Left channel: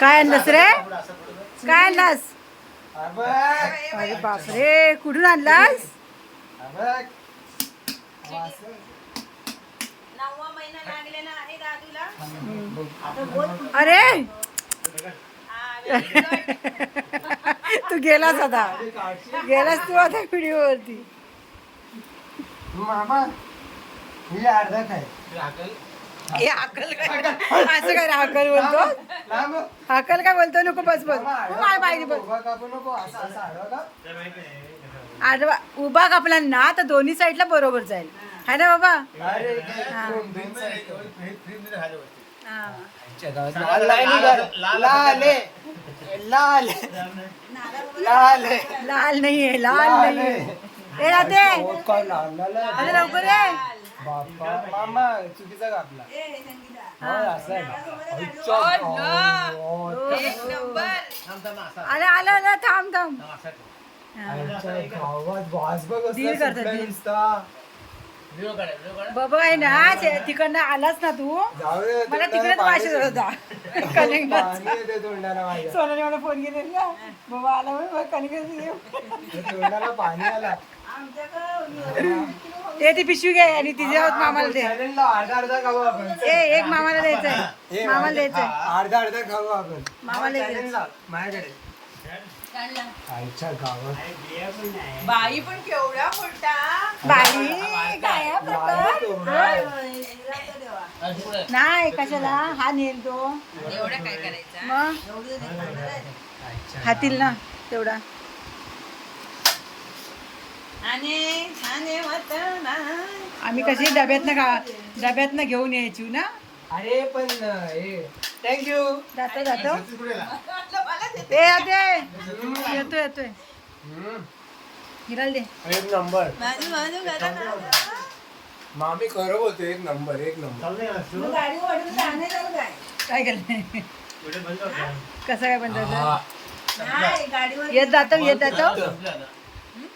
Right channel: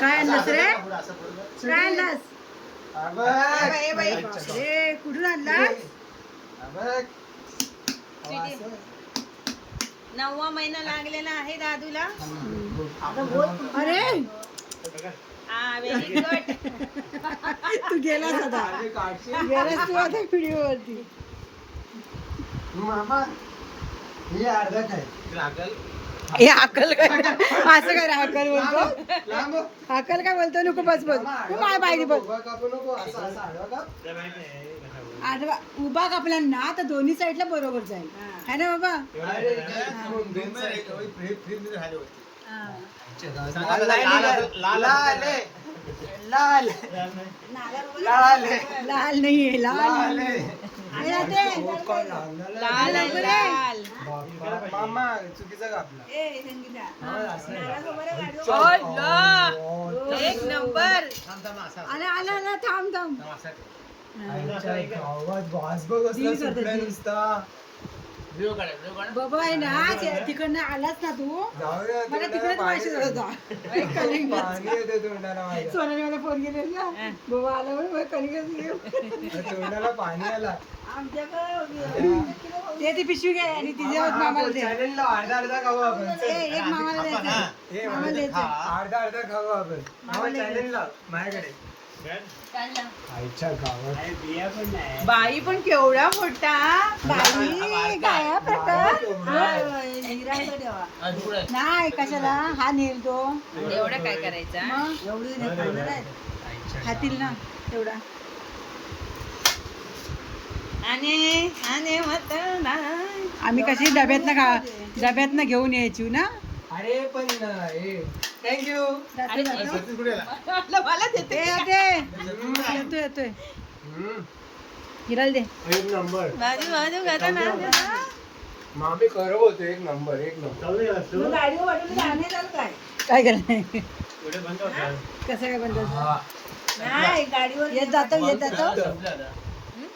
काय आणलंस रे काय आणलास बापरे कुठून आणलास नववा महिना लागलेला आहे दादूला अरे तू गेलास आता गेलास तू आता व्हिडिओवरती मामा हे अर्धा काय हे अकल असं काय अकल बोलतो अकल काय बोलतो नको बस बस माय पाहिजे बस आडवा उभा कापला ना तर दोन्ही साईडला बरोबर जाईल है ना बाबा लाल लाल नाहीये लाल नाहीये हे लवकर आहे मामा आला आला बाबा ना तिकडनं आलास ना तू मला तिकडेच वाशत होता कलिंग सोनाने मला फोन केलेला बाबा आला म्हणून कलिंग पाणी आला ते ती पिशवी घे आणि तिचे मामाला दे अर्धा अर्धा आपण ए एक मामाला द्यायचं मामाला द्यायचं अर्धा अर्धा खाऊ आपण माझ्याकडे बाई पण केवढा मोठा बाई काय प्रकार नाही कशाला हा नेल तो एवढा काय करायचा हातील ना तेवढा आम्ही कशी डब्यातनं का डब्यातनं घेऊन यायची ना अरे पण हे थँक्यू जातो जातो ते येते येतो येतोय हिराल दे एक नंबर मामी खरं होते एक नंबर एक नंबर काय करणार कसं काय बनत येत जातो येत जातो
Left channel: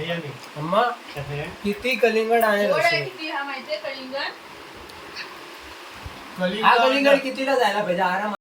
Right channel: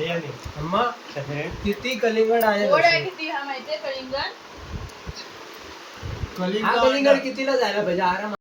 किती कलिंगड आहे कलिंगड कितीला जायला पाहिजे आराम